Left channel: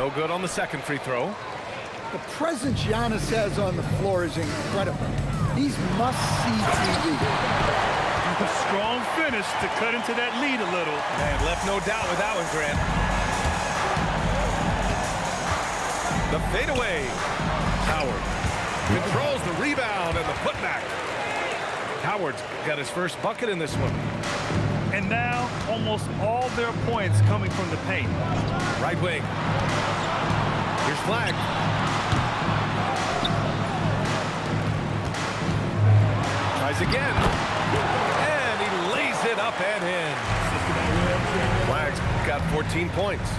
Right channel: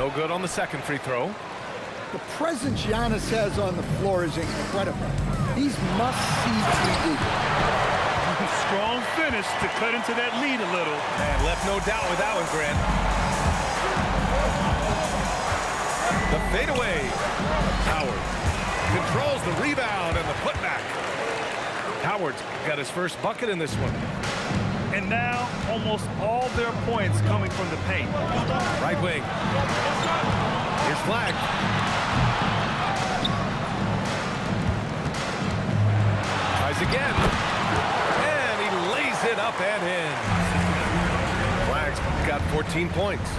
No good on the second free throw. The presence Giannis has on the floor is incredible. He's must-see TV. A strong finish to cut into that lead a little. Man, left no doubt with that one, Grant. The fadeaway. Howard controls the rebound and the putback. Howard's got his first bucket in this one. And now, almost all their points coming from the paint. Right wing. Here's Flag. Tries again. And he lays it up and in. Flag's got 14 points.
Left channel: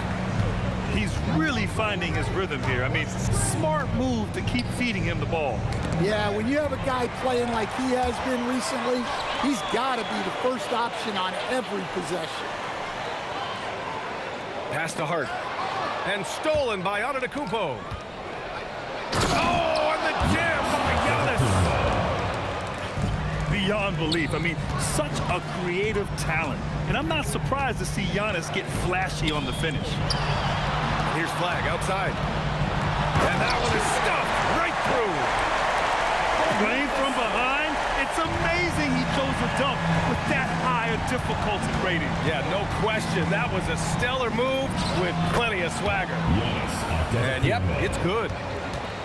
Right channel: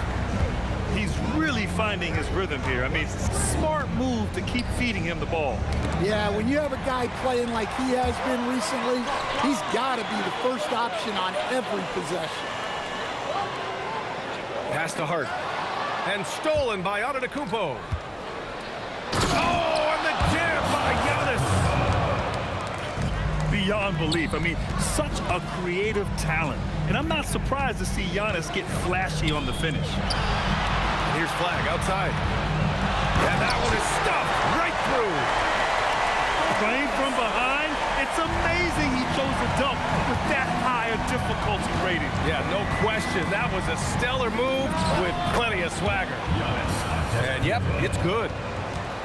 He's really finding his rhythm here. I mean, smart move to keep feeding him the ball. Yeah, when you have a guy playing like he has been recently, he's got to be the first option on every possession. Pass to Hart. And stolen by Antetokounmpo. Oh, and the jam by Giannis. Beyond belief. I mean, such a creative talent. And I'm not surprised to see Giannis get flashy on the finish. And here's Flag outside. And that one is stuffed right through. Playing from behind, it's amazing he chose a dunk with that high a difficulty rating. Yeah, no question. That was a stellar move with plenty of swagger. And yep, it's good.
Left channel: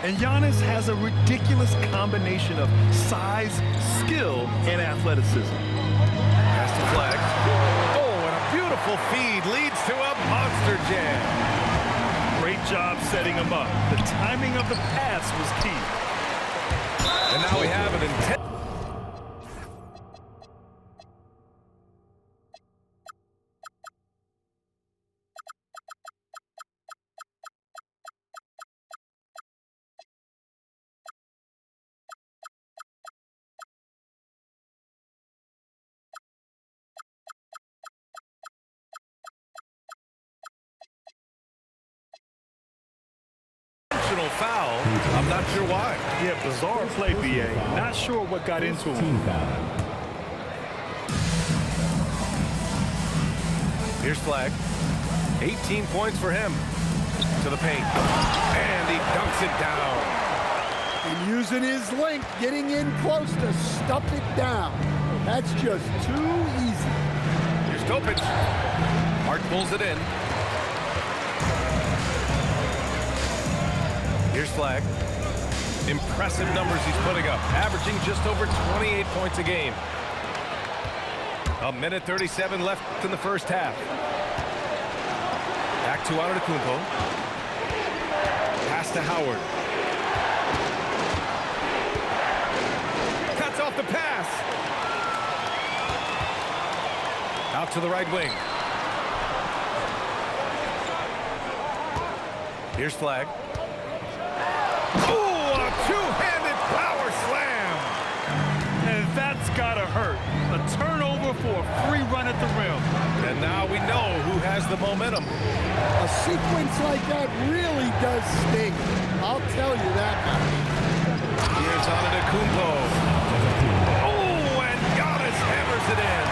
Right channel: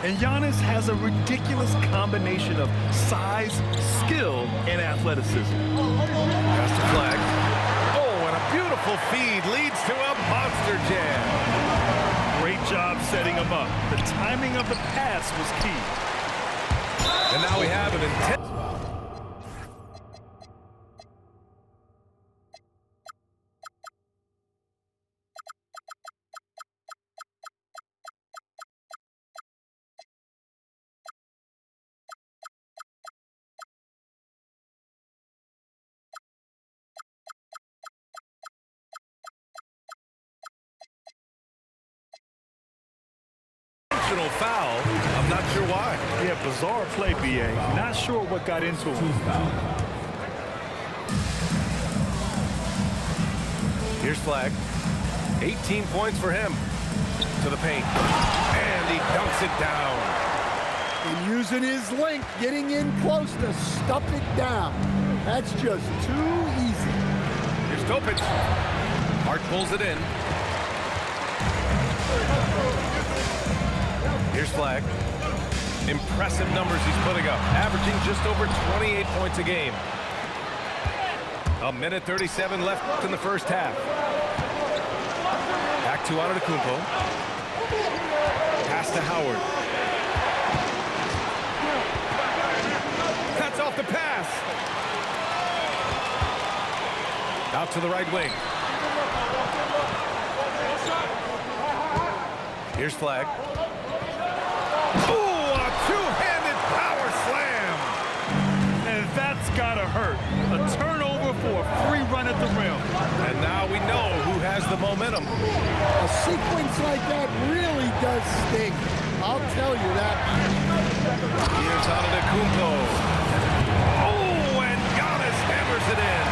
And Giannis has a ridiculous combination of size, skill, and athleticism. Pass to Flag. Oh, and a beautiful feed leads to a monster jam. Great job setting him up. The timing of the pass was key. And now we have an intense. Foul. I'm not sure why. Yeah, bizarre play, BA. Not sure what got into him. Here's Flag. 18 points for him. To the paint. And he dunks it down. And using his length, getting in close to stuff it down. That's just too easy. Here's Topic. Hart pulls it in. Here's Flag. Impressive numbers he's putting up, averaging just over 28 points a game. A minute 37 left in the first half. Back to Antetokounmpo. Pass to Howard. Cuts off the pass. Out to the right wing. Here's Flag. Oh, a two-handed power slam. And that's gotta hurt. A turnover for a free run at the rim. And now we know who has the momentum. A sequence like that really does sting. I'll tell you that much. Here's Antetokounmpo. Oh, and Giannis hammers it in.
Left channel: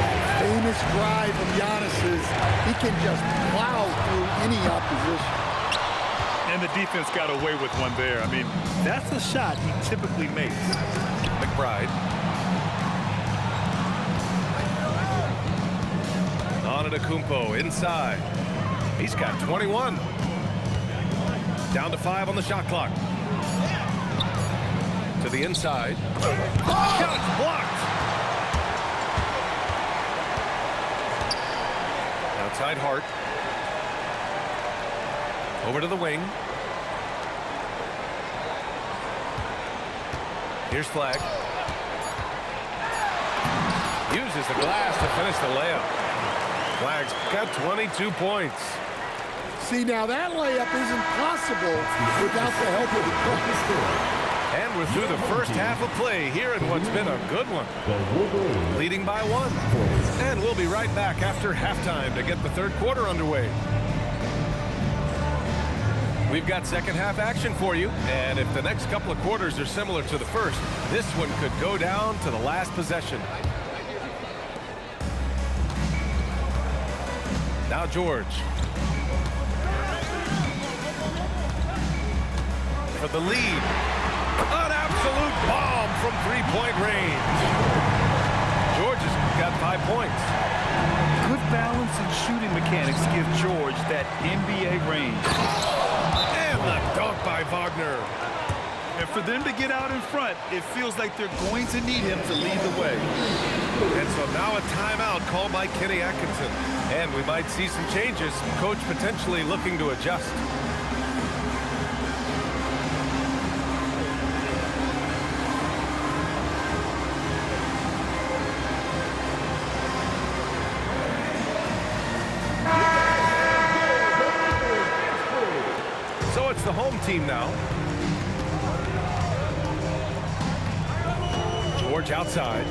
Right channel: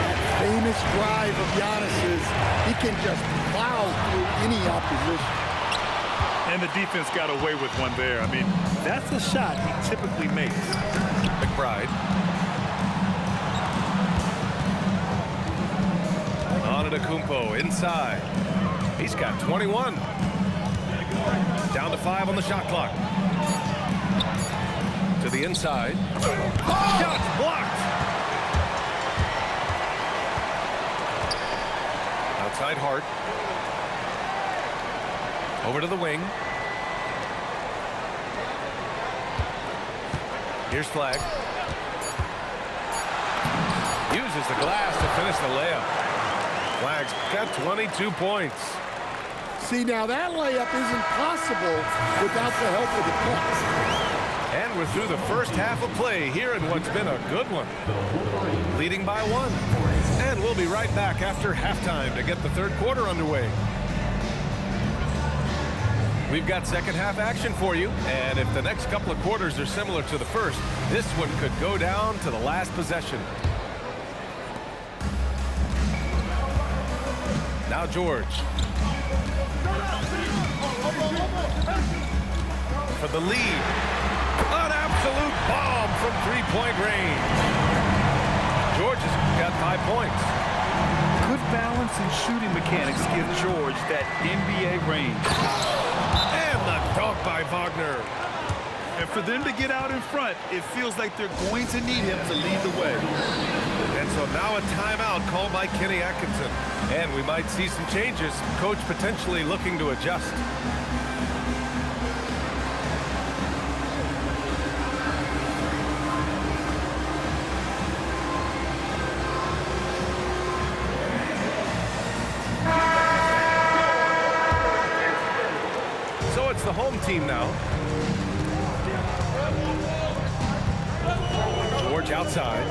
That famous drive of Giannis's, he can just plow through any opposition. And the defense got away with one there. I mean, that's a shot he typically makes. McBride. Antetokounmpo inside. He's got 21. Down to 5 on the shot clock. To the inside. Shots blocked. Outside Hart. Over to the wing. Here's Flag. Uses the glass to finish the layup. Flag's got 22 points. See, now that layup isn't possible without the help of the pass. And we're through the first half of play here in what's been a good one. Leading by 1. And we'll be right back after halftime to get the third quarter underway. We've got second half action for you, and if the next couple of quarters are similar to the first, this one could go down to the last possession. Now George. For the lead. An absolute bomb from three-point range. George has got 5 points. Good balance and shooting mechanics give George that NBA range. And the dunk by Wagner. And for them to get out in front, it feels like they're going to need him to lead the way. And so now a timeout called by Kenny Atkinson. And we might see some changes. Coach potentially looking to adjust. So it's the home team now. George outside.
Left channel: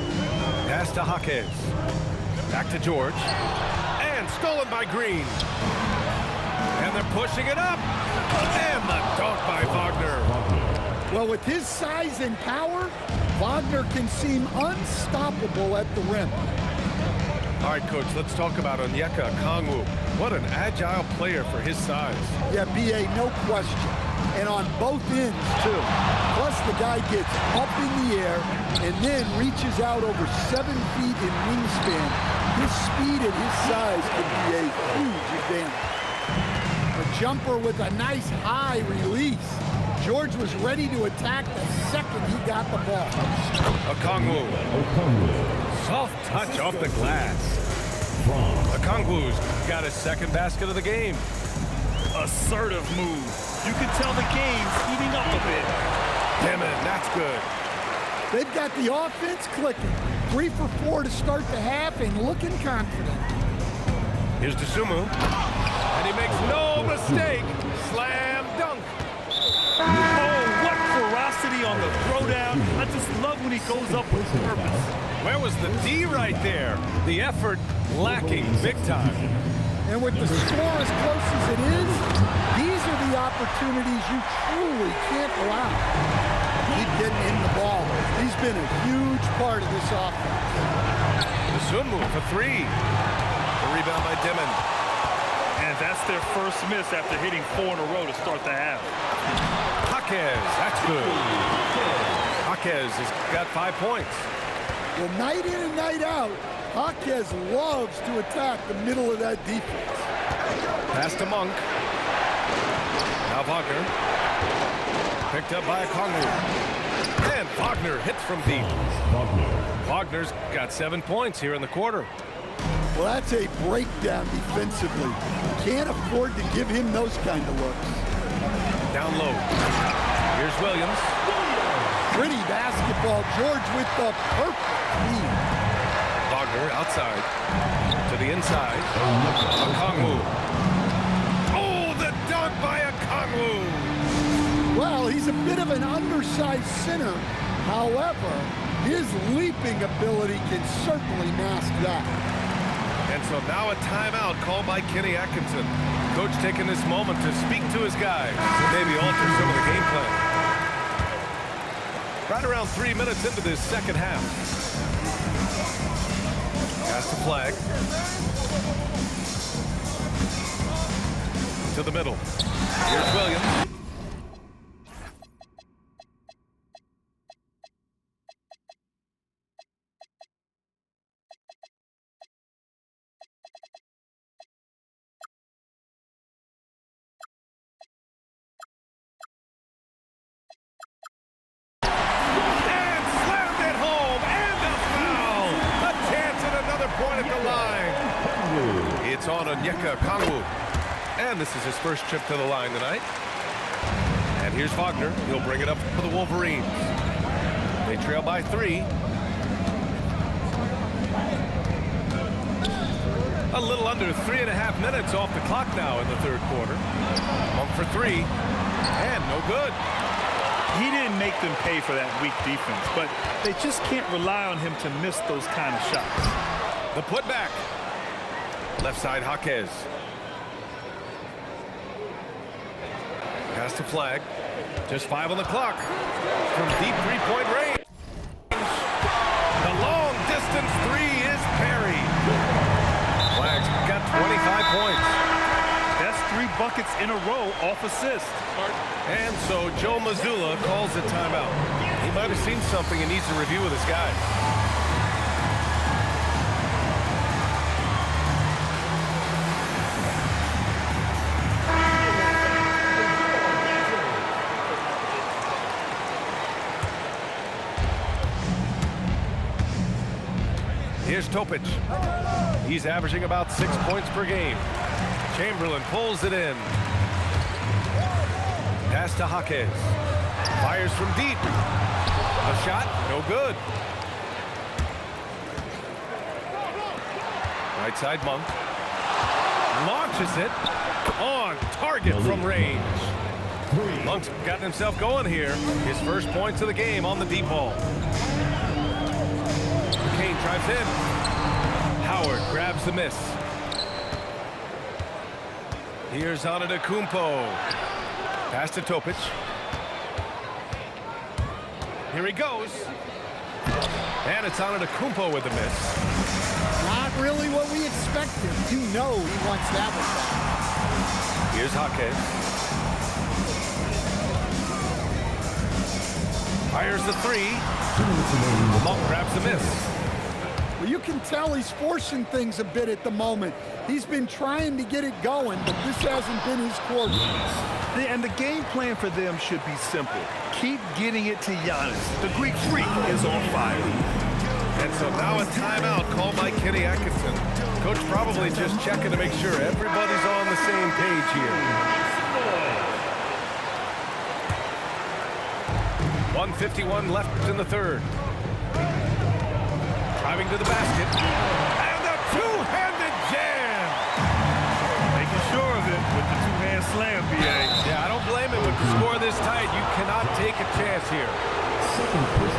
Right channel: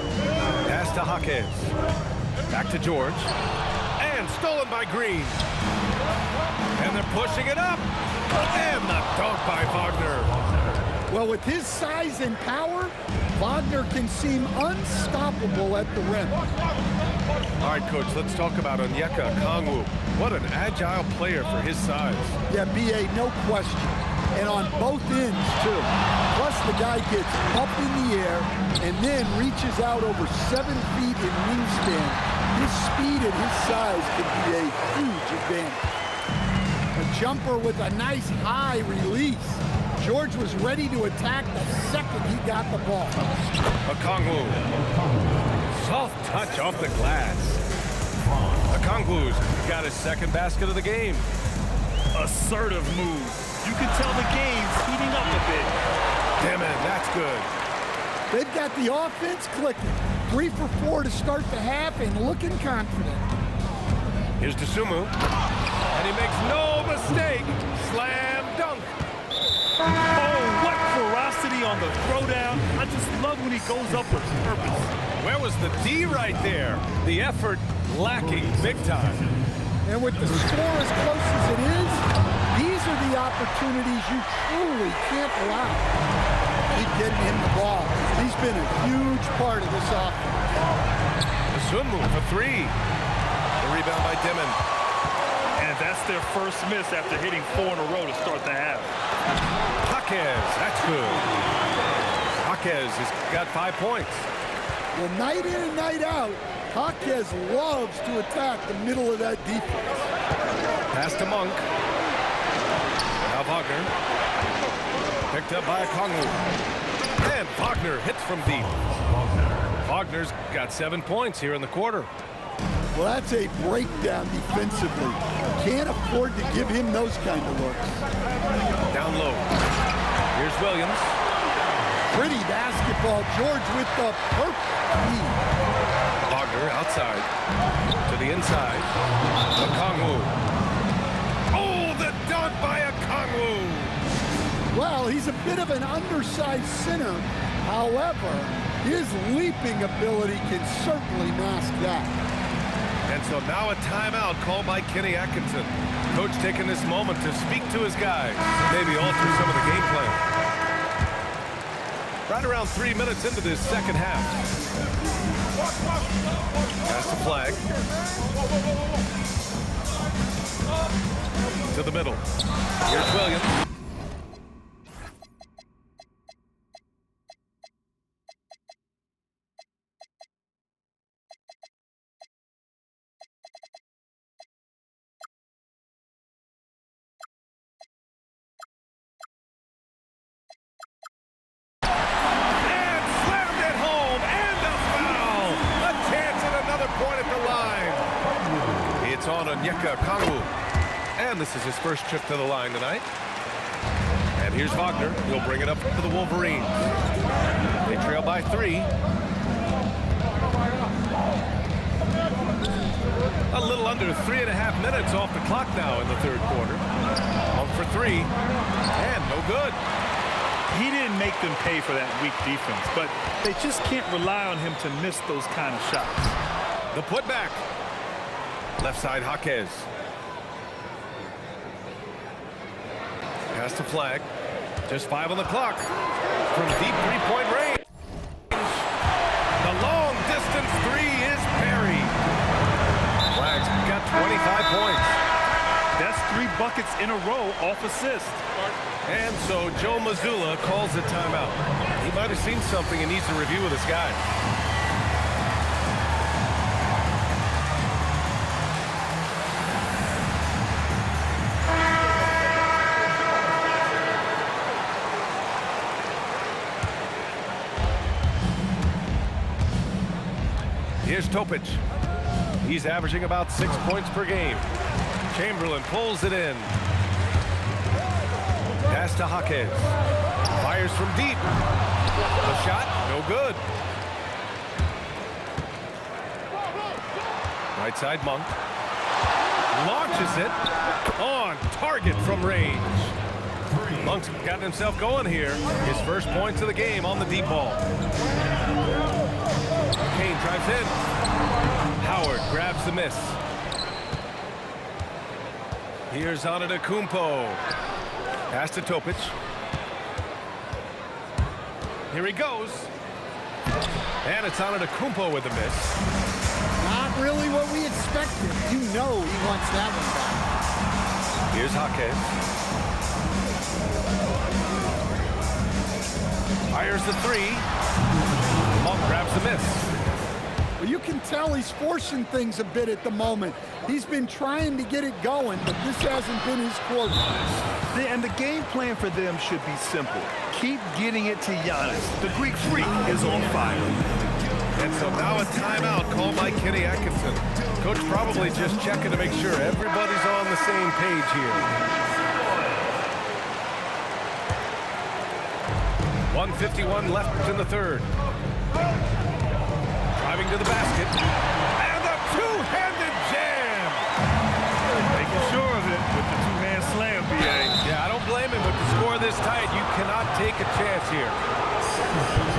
Pass to Jaquez. Back to George. And stolen by Green. And they're pushing it up. And the dunk by Wagner. Well, with his size and power, Wagner can seem unstoppable at the rim. All right, Coach, let's talk about Onyeka Okongwu. What an agile player for his size. Yeah, B.A., no question. And on both ends, too. Plus, the guy gets up in the air and then reaches out over 7 feet in wingspan. His speed and his size can be a huge advantage. A jumper with a nice high release. George was ready to attack the second he got the ball. Okongwu. Soft touch off the glass. Okongwu's got his second basket of the game. Assertive move. You can tell the game's heating up a bit. Demon, that's good. They've got the offense clicking. 3 for 4 to start the half and looking confident. Here's Dosunmu. And he makes no mistake. Slam dunk. Oh, what ferocity on the throwdown. I just love when he goes up with purpose. Where was the D right there? The effort lacking big time. And with the score as close as it is, these are the opportunities you truly can't allow. Keep getting him the ball. He's been a huge part of this offense. Dosunmu for 3. The rebound by Demon. And that's their first miss after hitting 4 in a row to start the half. Jaquez, that's good. Jaquez has got 5 points. Well, night in and night out, Jaquez loves to attack the middle of that defense. Pass to Monk. Now Wagner. Picked up by Okongwu. And Wagner hits from deep. Wagner's got 7 points here in the quarter. Well, that's a breakdown defensively. Can't afford to give him those kind of looks. Down low. Here's Williams. Pretty basketball. George with the perfect feed. Wagner outside. To the inside. Okongwu. Oh, the dunk by Okongwu. Well, he's a bit of an undersized center. However, his leaping ability can certainly mask that. And so now a timeout called by Kenny Atkinson. Coach taking this moment to speak to his guys, maybe alter some of the game plan. Right around 3 minutes into this second half. Pass the flag. To the middle. Here's Williams. Point at the line. It's on Onyeka Okongwu. And this is his first trip to the line tonight. And here's Wagner. He'll bring it up for the Wolverines. They trail by 3. A little under 3.5 minutes off the clock now in the third quarter. Monk for 3. And no good. He didn't make them pay for that weak defense, but they just can't rely on him to miss those kind of shots. The putback. Left side, Jaquez. Pass to flag. Just 5 on the clock. From deep three-point range. The long distance 3 is buried. Flag's got 25 points. That's 3 buckets in a row off assist. And so Joe Mazzulla calls a timeout. He might have seen something and needs to review with his guys. Here's Topic. He's averaging about 6 points per game. Chamberlain pulls it in. Pass to Jaquez. Fires from deep. The shot, no good. Right side, Monk. Launches it. On target from range. Monk's gotten himself going here. His first points of the game on the deep ball. McCain drives in. Howard grabs the miss. Here's Antetokounmpo. Pass to Topic. Here he goes. And it's Antetokounmpo with the miss. Not really what we expected. You know he wants that one back. Here's Jaquez. Fires the 3. Monk grabs the miss. Well, you can tell he's forcing things a bit at the moment. He's been trying to get it going, but this hasn't been his quarter. And the game plan for them should be simple. Keep getting it to Giannis. The Greek freak is on fire. And so now a timeout called by Kenny Atkinson. Coach probably just checking to make sure everybody's on the same page here. 1:51 left in the third. Driving to the basket. And a two-handed jam. Making sure of it with the two-hand slam, B.A. Yeah, I don't blame him with the score this tight. You cannot take a chance here.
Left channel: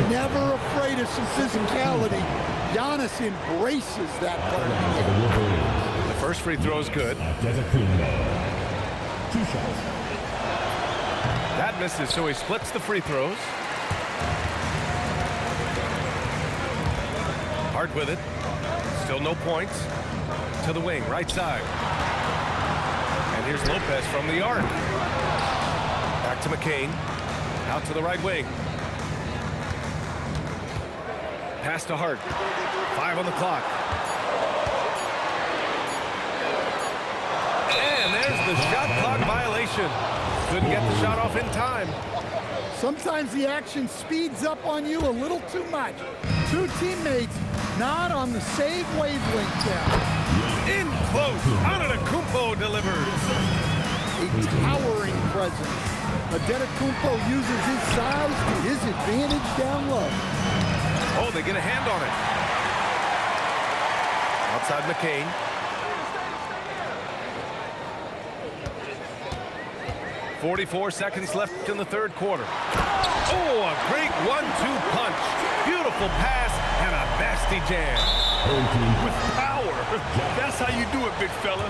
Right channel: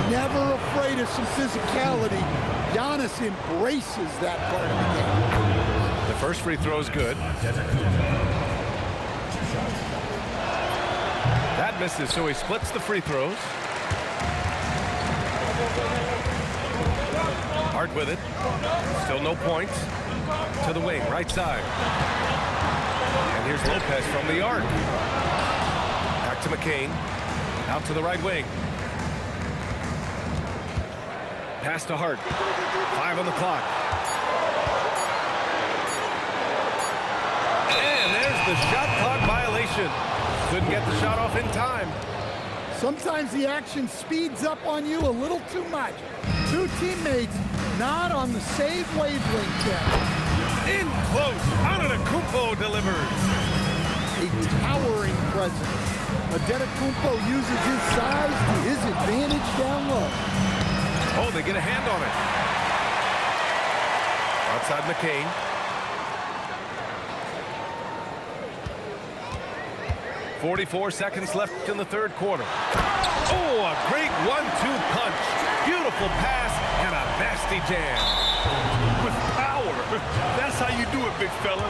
Never afraid of some physicality. Giannis embraces that part of the game. The first free throw is good. That misses, so he splits the free throws. Hard with it. Still no points. To the wing, right side. And here's Lopez from the arc. Back to McCain. Out to the right wing. Pass to Hart. 5 on the clock. And there's the shot clock violation. Couldn't get the shot off in time. Sometimes the action speeds up on you a little too much. Two teammates not on the same wavelength there. In close, Antetokounmpo delivers. A towering presence. Antetokounmpo uses his size to his advantage down low. Oh, they get a hand on it. Outside McCain. .44 seconds left in the third quarter. Oh, a great 1-2 punch. Beautiful pass and a nasty jam. With power. That's how you do it, big fella.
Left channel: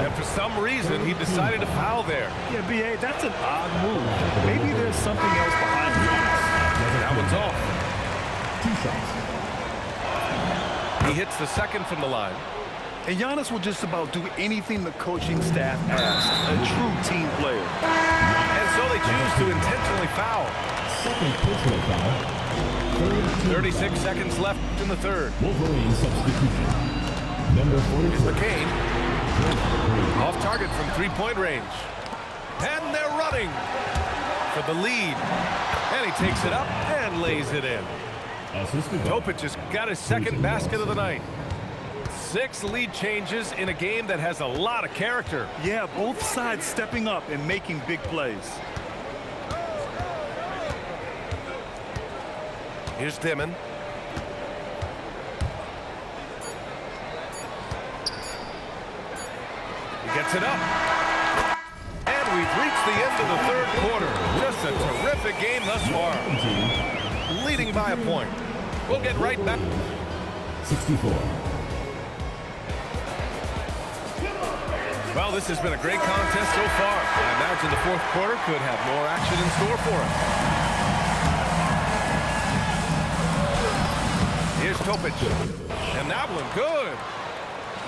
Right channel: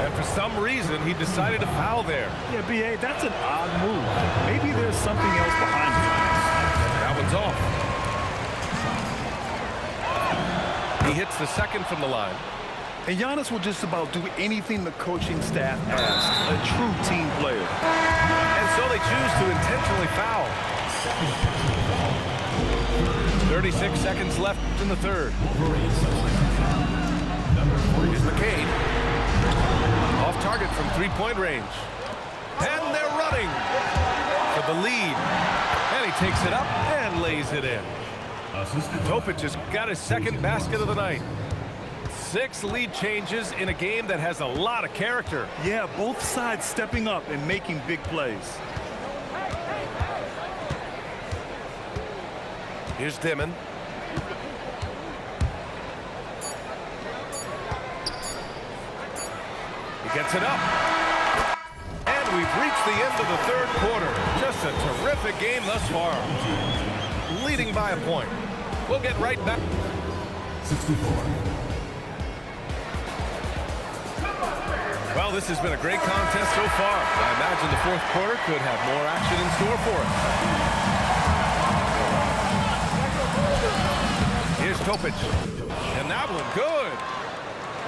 And for some reason, he decided to foul there. Yeah, B.A., that's an odd move. Maybe there's something else behind it. That one's off. He hits the second from the line. And Giannis will just about do anything the coaching staff asks. A true team player. And so they choose to intentionally foul. 36 seconds left in the third. Here's McCain. Off target from three-point range. And they're running for the lead. And he takes it up and lays it in. Topic has got his second basket of the night. 6 lead changes in a game that has a lot of character. Yeah, both sides stepping up and making big plays. Here's Dimon. He gets it up. And we've reached the end of the third quarter. Just a terrific game thus far. Leading by a point. We'll get right back. 64. Well, this has been a great contest so far. I imagine the fourth quarter could have more action in store for us. Here's Topic. And that one, good.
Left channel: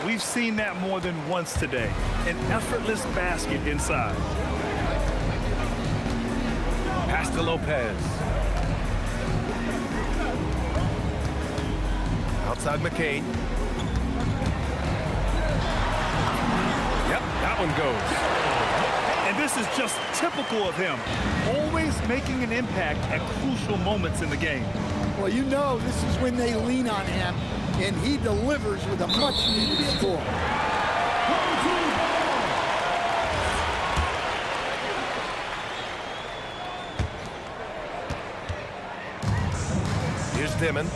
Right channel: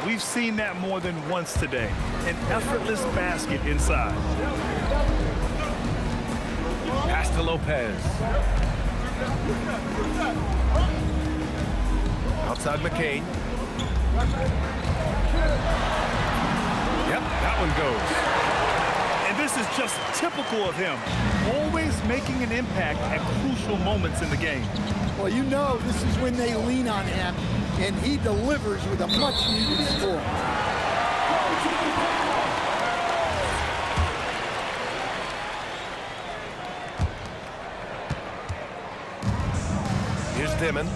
We've seen that more than once today. An effortless basket inside. Pass to Lopez. Outside McCain. Yep, that one goes. And this is just typical of him, always making an impact at crucial moments in the game. Well, you know this is when they lean on him, and he delivers with a much-needed score. Here's Dimon.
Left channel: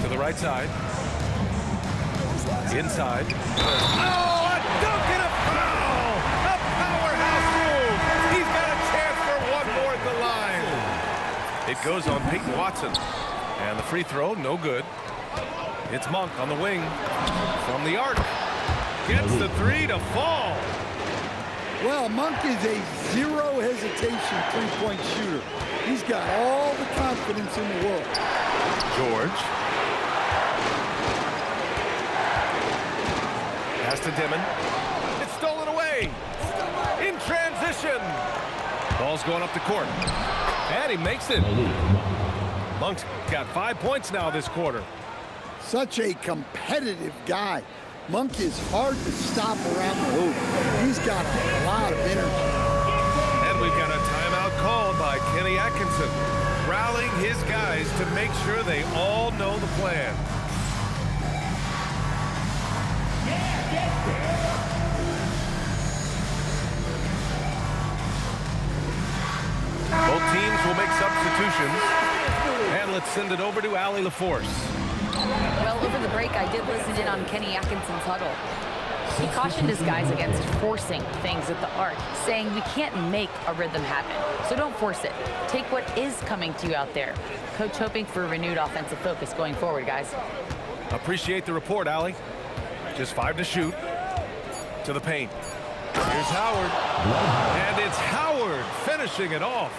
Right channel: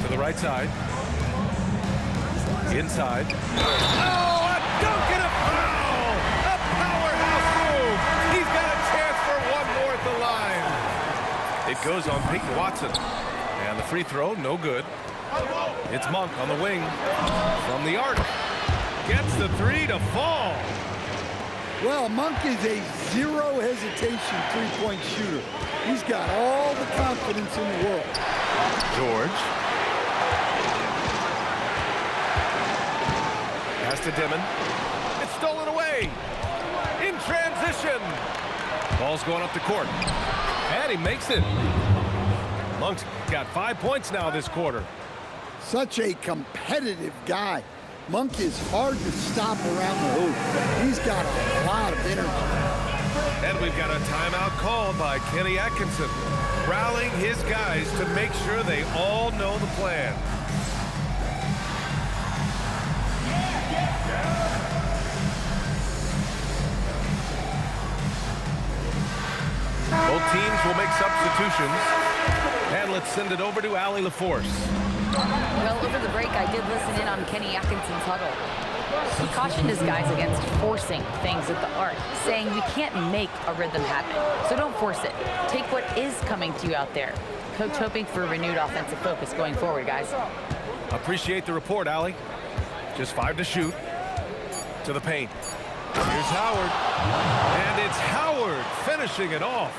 To the right side. Inside. Oh, a dunk and a foul! A powerhouse move! He's got a chance for one more at the line. It goes on Peyton Watson. And the free throw, no good. It's Monk on the wing. From the arc. Gets the three to fall. Well, Monk is a zero hesitation three-point shooter. He's got all the confidence in the world. George. Pass to Dimon. It's stolen away. In transition. Ball's going up the court. And he makes it. Monk's got 5 points now this quarter. Such a competitive guy. Monk is hard to stop around the hoop. He's got a lot of energy. And we've got a timeout called by Kenny Atkinson, rallying his guys to make sure they all know the plan. Both teams will make substitutions. And let's send it over to Allie LaForce. Well, over the break, I did listen in on Kenny Atkinson's huddle. He cautioned his guys against forcing things at the arc, saying we can't make a rhythm happen, so don't force it. Take what is coming to you out there. Coach hoping for renewed offensive focus going forward, guys. Appreciate the report, Allie. Just 5 to shoot. To the paint. Here's Howard. And it's Howard finishing it off.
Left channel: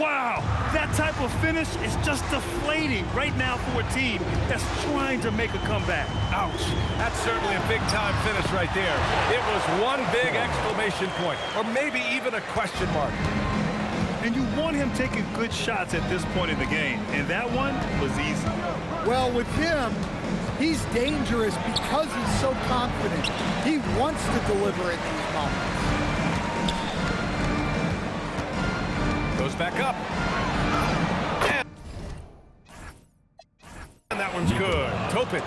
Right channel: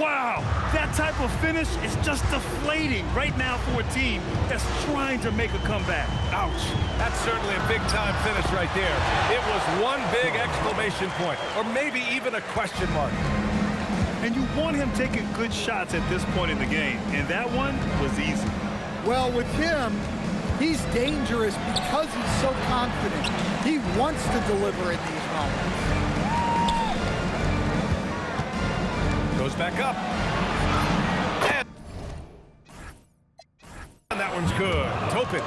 Wow, that type of finish is just deflating right now for a team that's trying to make a comeback. Ouch. That's certainly a big-time finish right there. It was one big exclamation point, or maybe even a question mark. And you want him taking good shots at this point in the game, and that one was easy. Well, with him, he's dangerous because he's so confident. He wants to deliver in these moments. Goes back up. And that one's good. Topic.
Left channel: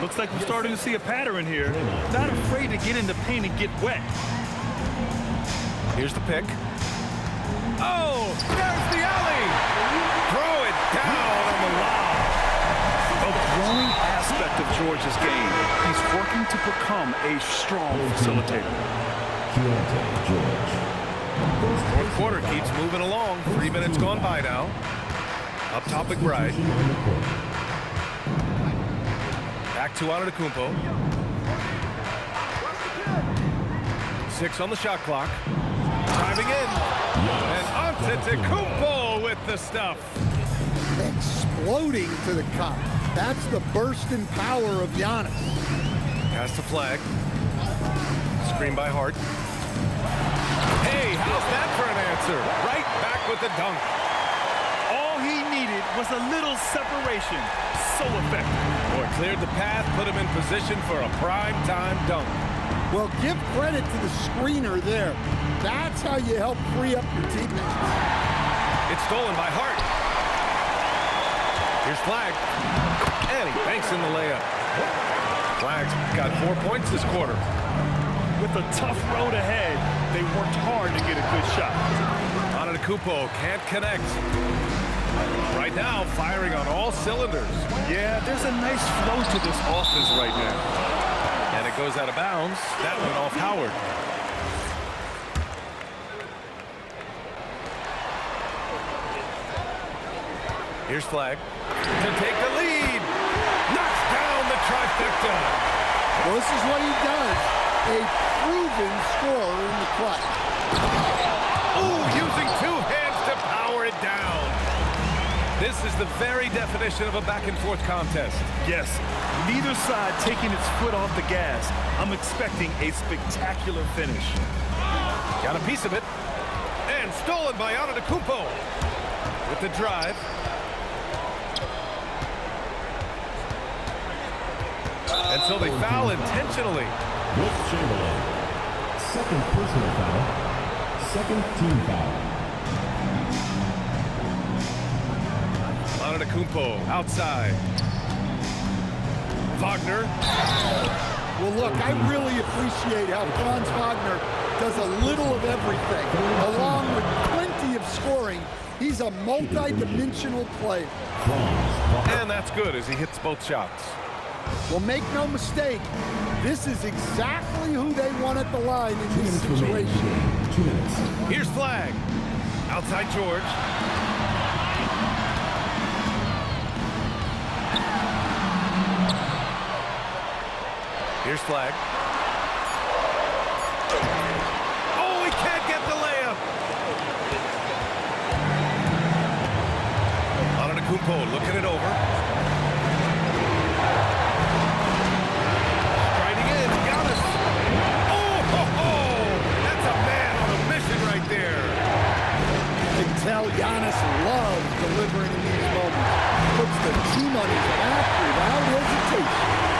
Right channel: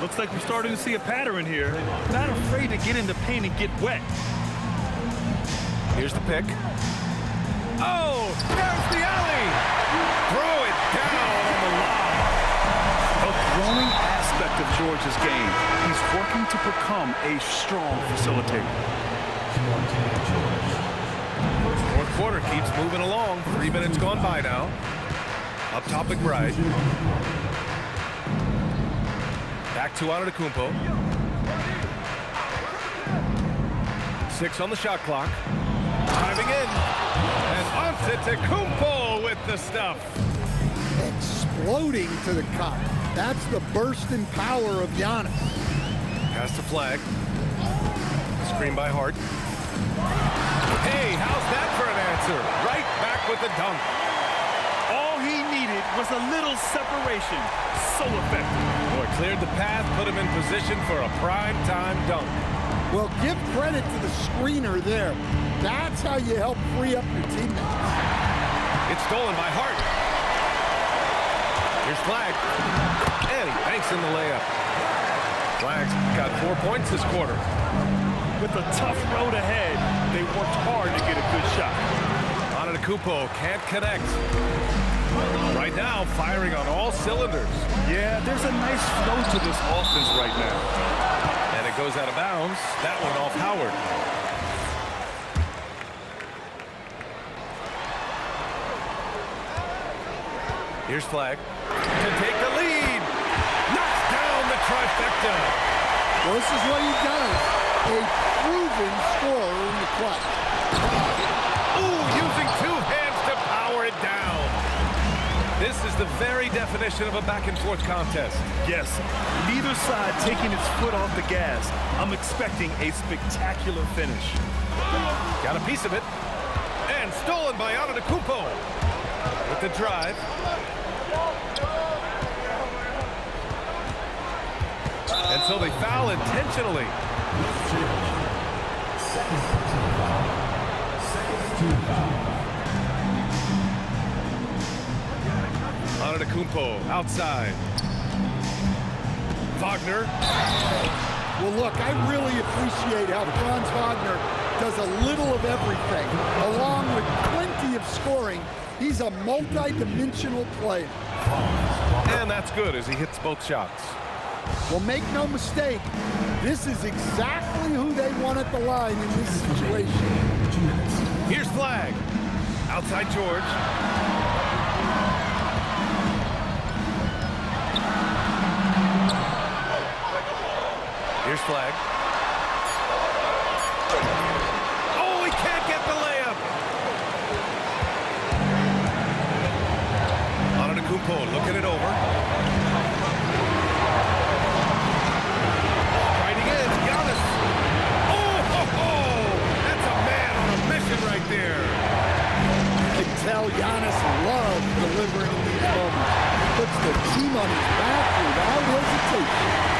Looks like we're starting to see a pattern here. Not afraid to get in the paint and get wet. Here's the pick. Oh, there's the alley. Throw it down on the lob. A growing aspect of George's game. He's working to become a strong facilitator. Fourth quarter keeps moving along. 3 minutes gone by now. Up top McBride. Back to Antetokounmpo. 6 on the shot clock. Driving in. And Antetokounmpo with the stuff. Exploding to the cup. That's the burst in power of Giannis. Pass to Flag. Screen by Hart. Hey, how's that for an answer? Right back with the dunk. All he needed was a little separation. So effective. Boy, cleared the path, put him in position for a prime-time dunk. Well, give credit to the screener there. That's how you help free up your teammates. It's stolen by Hart. Here's Flag. And he banks in the layup. Flag's got 4 points this quarter. With a tough road ahead, they worked hard to get a good shot. Antetokounmpo can't connect. Right now, firing on all cylinders. Yeah, there's a nice flow to this offense right now. And it goes out of bounds. That one off Howard. Here's Flag to take the lead. Knocks down the trifecta. Well, this is what he does. A proven scorer in the clutch. Ooh, using 2 hands to power it down. This is the very definition of a back-and-forth contest. Yes, neither side taking its foot off the gas. I'm expecting a spectacular finish. Got a piece of it. And stolen by Antetokounmpo. With the drive. And so they foul intentionally. Wilt Chamberlain. Second personal foul. Second team foul. Antetokounmpo outside. Wagner. Well, look, I really appreciate how Franz Wagner does a little of everything. Along with plenty of scoring, he's a multi-dimensional player. And that's good as he hits both shots. Well, make no mistake, this is exactly who they want at the line in this situation. 2 minutes. Here's Flag. Outside George. Here's Flag. Oh, he can't get the layup. Antetokounmpo looking it over. Striding in, Giannis. Oh, ho, ho. That's a man on a mission right there. You can tell Giannis loves delivering in these moments. Puts the team on his back without hesitation.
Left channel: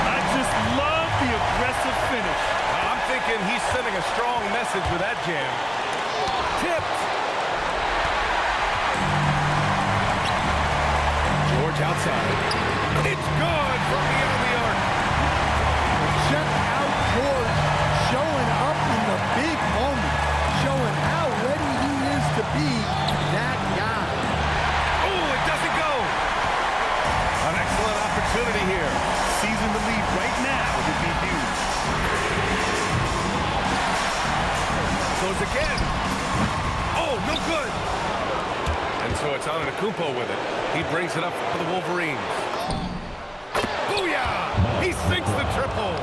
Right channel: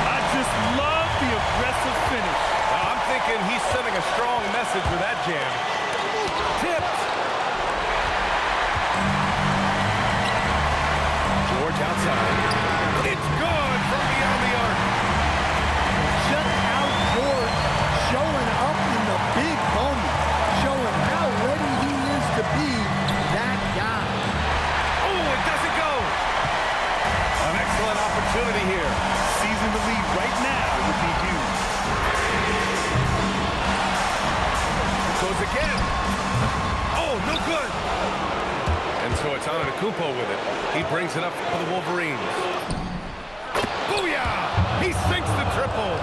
I just love the aggressive finish. Now, I'm thinking he's sending a strong message with that jam. Tipped. George outside. It's good from beyond the arc. Check out George showing up in the big moment, showing how ready he is to be that guy. Oh, it doesn't go. An excellent opportunity here. Seizing the lead right now would be huge. Goes again. Oh, no good. And so it's Antetokounmpo with it. He brings it up for the Wolverines. Booyah! He sinks the triple.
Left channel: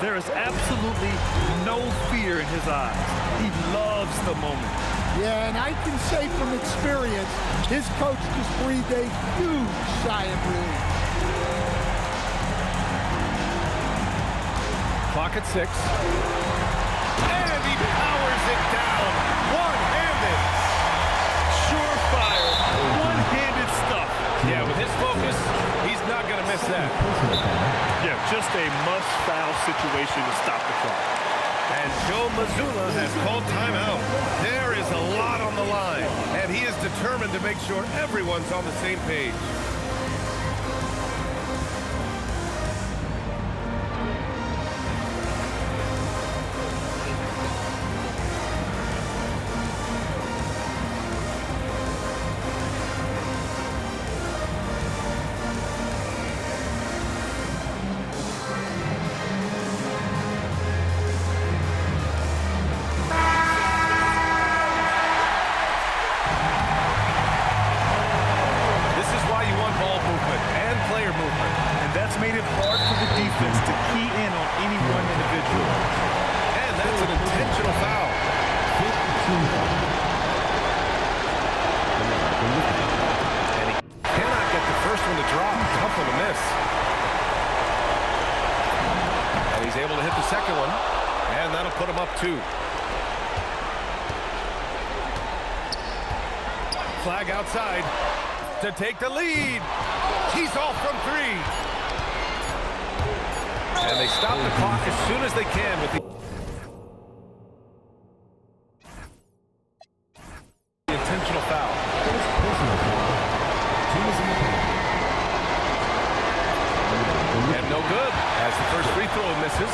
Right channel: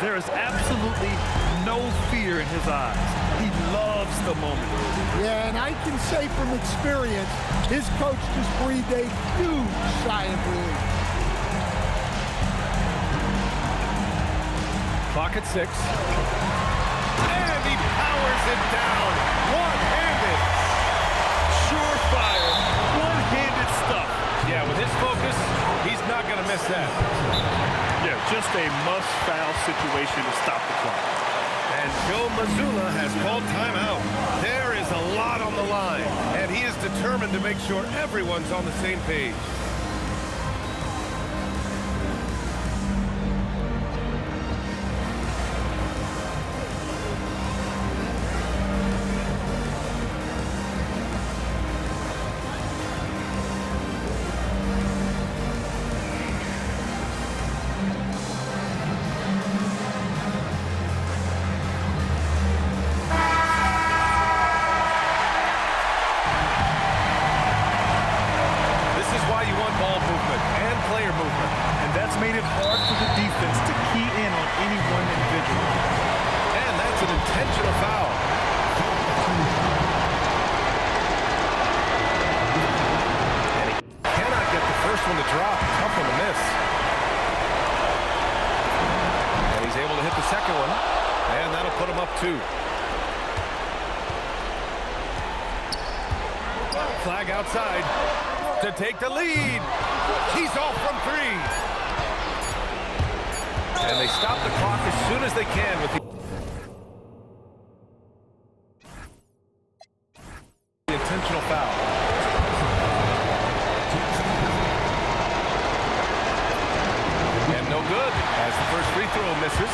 There is absolutely no fear in his eyes. He loves the moment. Yeah, and I can say from experience, his coach just breathed a huge sigh of relief. Clock at 6. And he powers it down. One-handed. Surefire, one-handed stuff. Yeah, with his focus, he's not going to miss that. Yeah, just a must-foul situation to stop the clock. And Joe Mazzulla has called timeout. There is a lot on the line, and he is determined to make sure everyone's on the same page. Why you want ball movement and player movement. And that's made it hard for the defense to key in on any one individual. And that's an intentional foul. And he cannot get the first one to drop. Tough one to miss. And he's able to hit the second one. And that'll put him up 2. Flag outside to take the lead. He's off from 3. And they stop the clock as soon as they can with the intentional foul. And no good as the first free throw misses.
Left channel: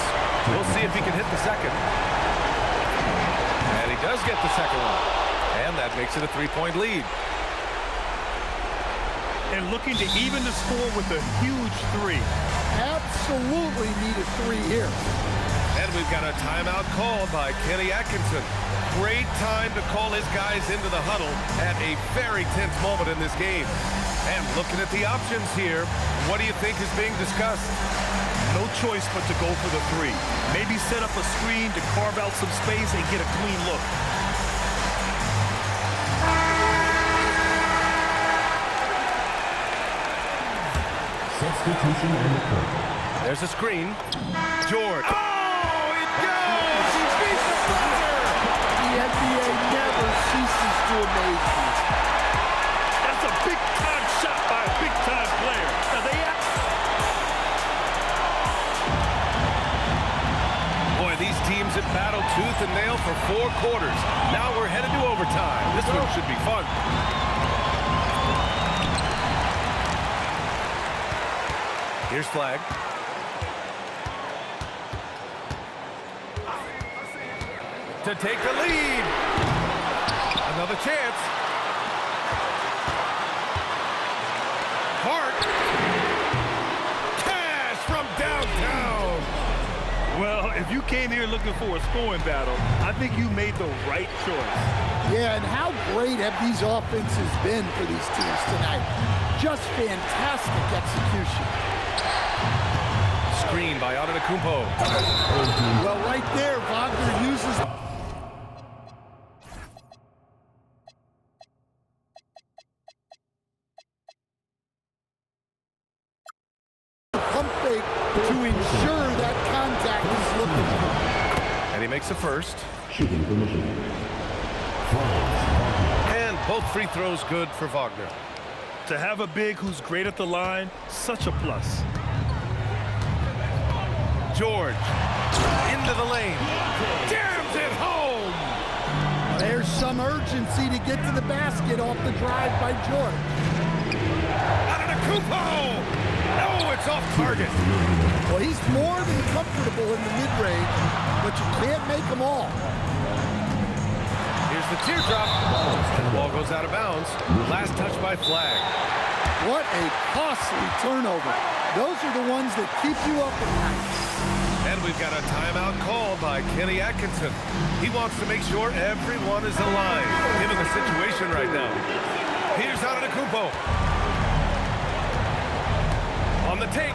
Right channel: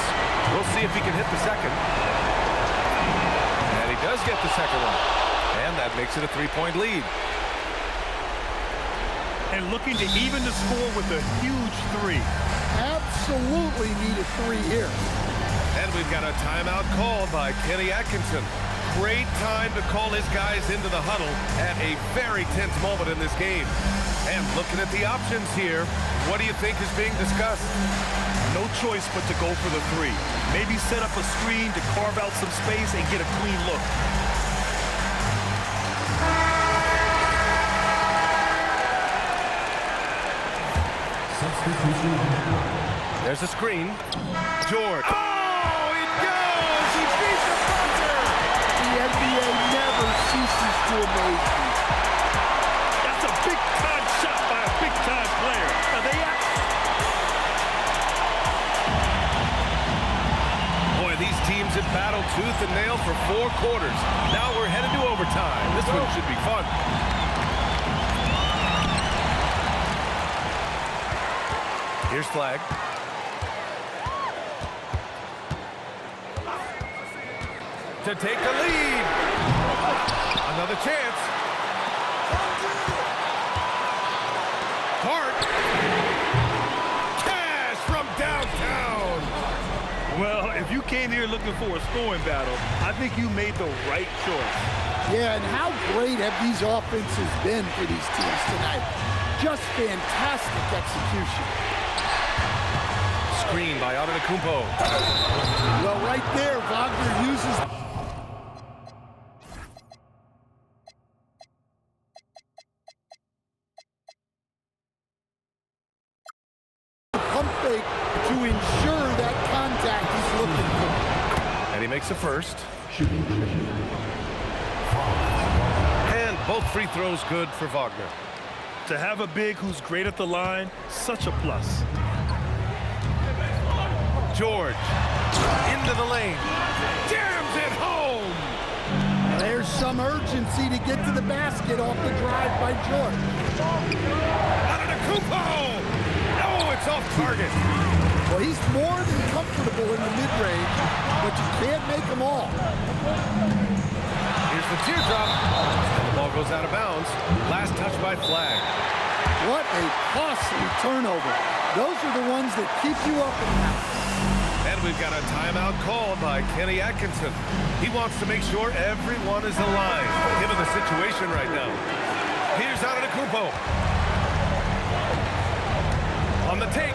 We'll see if he can hit the second. And he does get the second one. And that makes it a 3-point lead. And looking to even the score with a huge 3. Absolutely need a 3 here. And we've got a timeout called by Kenny Atkinson. Great time to call his guys into the huddle at a very tense moment in this game. And looking at the options here, what do you think is being discussed? No choice but to go for the 3. Maybe set up a screen to carve out some space and get a clean look. Substitution on the court. There's a screen. George. Oh, it goes! He beat the buzzer! The NBA never ceases to amaze me. That's a big-time shot by a big-time player. Now Boy, these teams have battled tooth and nail for 4 quarters. Now we're headed to overtime. This one should be fun. Here's Flag. To take the lead. Another chance. Hart. Cash from downtown. Well, if you came here looking for a scoring battle, I think you made the right choice. Yeah, and how great have these offenses been for these teams tonight? Just fantastic execution. Screen by Antetokounmpo. Well, right there, Wagner uses the pump fake to ensure that contact he's looking for. And he makes the first. Shooting permission. And both free throws good for Wagner. To have a big who's great at the line, such a plus. George. Into the lane. Jams it home. There's some urgency to get to the basket off the drive by George. Antetokounmpo. No, it's off target. Well, he's more than comfortable in the mid-range, but you can't make them all. Here's the teardrop. And the ball goes out of bounds. Last touch by Flag. What a costly turnover. Those are the ones that keep you up at night. And we've got a timeout called by Kenny Atkinson. He wants to make sure everyone is alive, given the situation right now. Here's Antetokounmpo. On the take.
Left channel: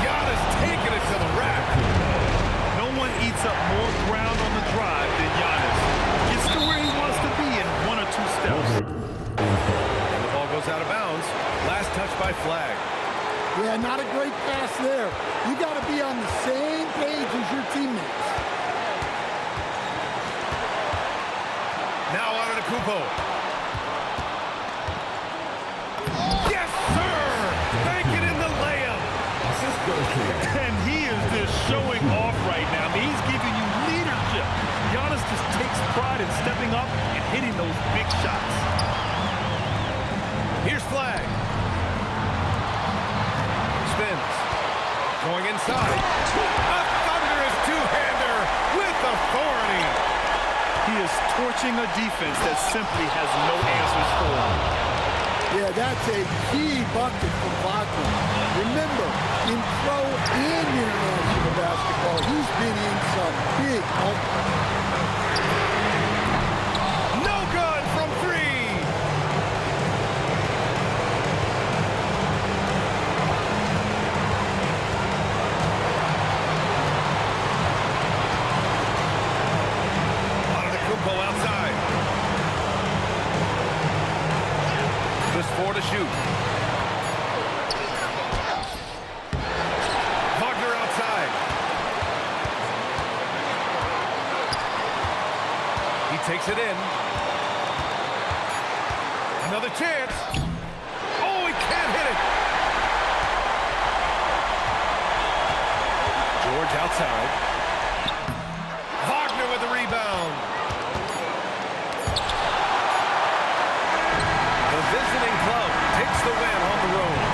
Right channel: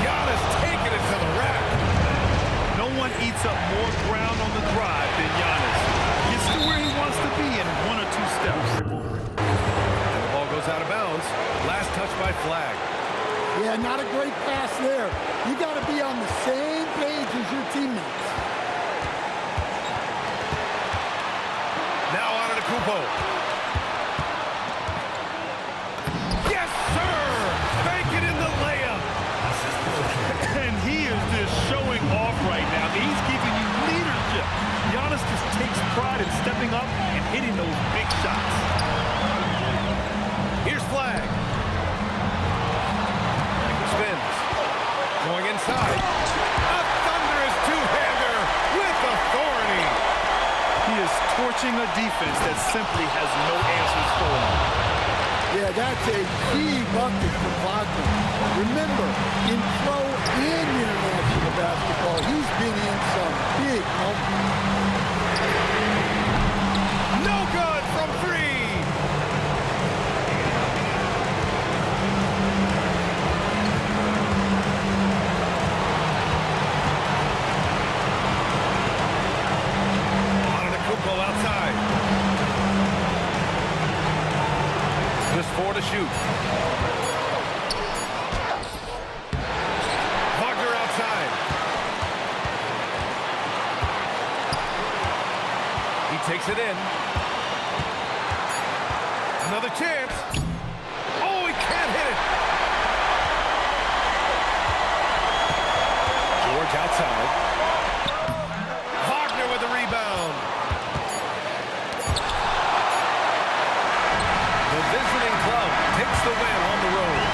Giannis taking it to the rack. No one eats up more ground on the drive than Giannis. Gets to where he wants to be in 1 or 2 steps. And the ball goes out of bounds. Last touch by Flag. Yeah, not a great pass there. You got to be on the same page as your teammates. Now Antetokounmpo. Yes, sir! Bank it in the layup. And he is just showing off right now. He's giving you leadership. Giannis just takes pride in stepping up and hitting those big shots. Here's Flag. Spins. Going inside. A thunderous two-hander with authority. He is torching a defense that simply has no answers for him. Yeah, that's a key bucket from Wagner. Remember, in pro and international basketball, he's been in some big moments. No good from 3. Antetokounmpo outside. Just 4 to shoot. Wagner outside. He takes it in. Another chance. Oh, he can't hit it. George outside. Wagner with the rebound. The visiting club takes the win on the road.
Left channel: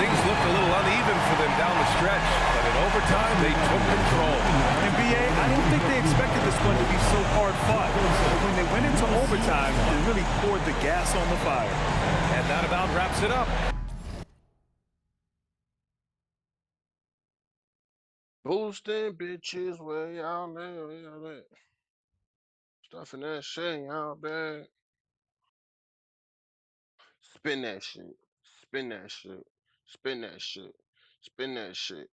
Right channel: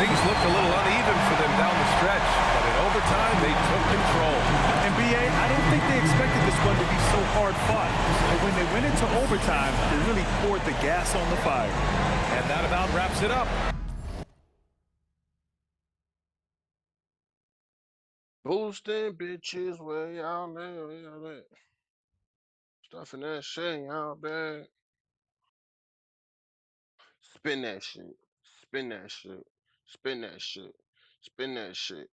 Things looked a little uneven for them down the stretch, but in overtime, they took control. And B.A., I don't think they expected this one to be so hard-fought. But when they went into overtime, they really poured the gas on the fire. And that about wraps it up. Boosting bitches way out there, way out there. Stuffing that shit, y'all bad. Spin that shit. Spin that shit. Spin that shit. Spin that shit.